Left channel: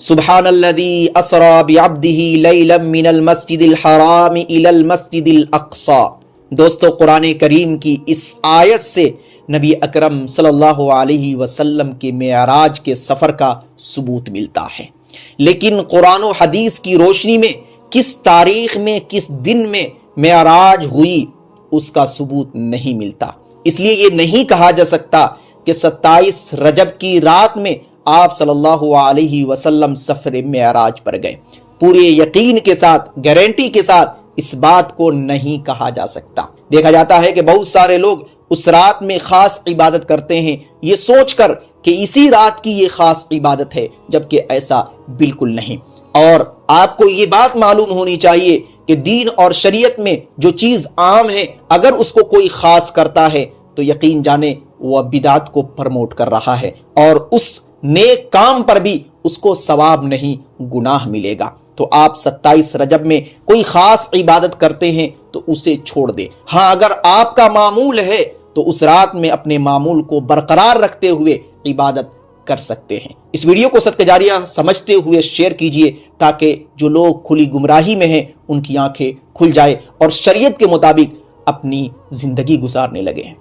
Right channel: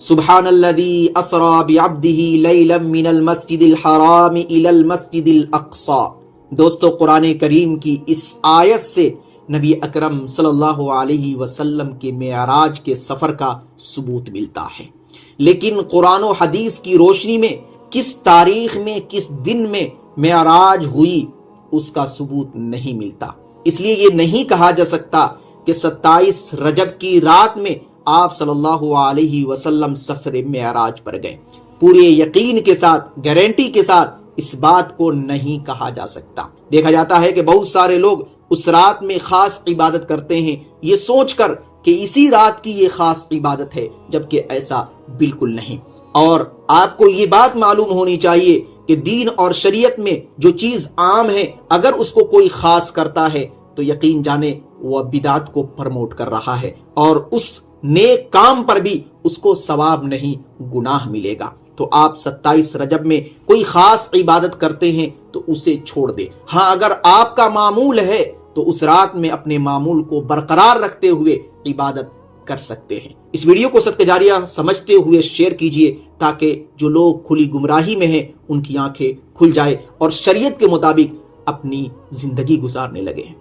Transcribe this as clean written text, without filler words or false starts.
سبحانالذی اسری بعبدہ لیلا من المسجد الحرام الی المسجد الاقصی۔ دوستو، قرآن کریم کی اس آیت سے نبی اکرم صلی اللہ علیہ وسلم کے معراج کے سفر کا ثبوت ملتا ہے، لیکن قرآن و حدیث کی روشنی میں کس تاریخ میں کس دن میں معراج ہوئی اس کا ثبوت نہیں ملتا۔ اس لیے یہ نہیں کہا جا سکتا کہ 27 رجب کی رات میں آپ صلی اللہ علیہ وسلم سفر معراج پر گئے۔ پورے یقین کے ساتھ، گارنٹی کے ساتھ اس بات کو نہیں کہا جا سکتا۔ دیکھا جاتا ہے کہ بہت سارے لوگ اس رات میں خاص عبادت کرتے ہیں یہ سوچ کر کہ اسی رات کی یہ خاص عبادت ہے، جبکہ ایسا بالکل نہیں۔ اور آپ کو یہ بات معلوم ہونی چاہیے کہ دین اور شریعت میں جو چیز عام ہے، اگر اس کو کوئی خاص کرتا ہے تو یقین جانے وہ بدعت کو پرموٹ کر رہا ہے، اور اس نیک کام پر بھی اس کو ثواب نہیں گناہ ملے گا۔ تو آپ 27 رجب میں کوئی خاص عبادت کرتے ہیں تو اسے چھوڑ دے۔ ہاں، اگر آپ کا معمول ہے تو اس رات میں اپنے معمول کو برقرار رکھتے ہوئے عبادت کر سکتے ہیں۔ اس ویڈیو کو صدقہ جاریہ سمجھتے ہوئے شیئر کیجئے تاکہ جو لوگ کھلی گمراہی میں ہیں ان کی آنکھیں کھل جائے اور شریعت کے مطابق اپنی زندگی گزارنے لگے۔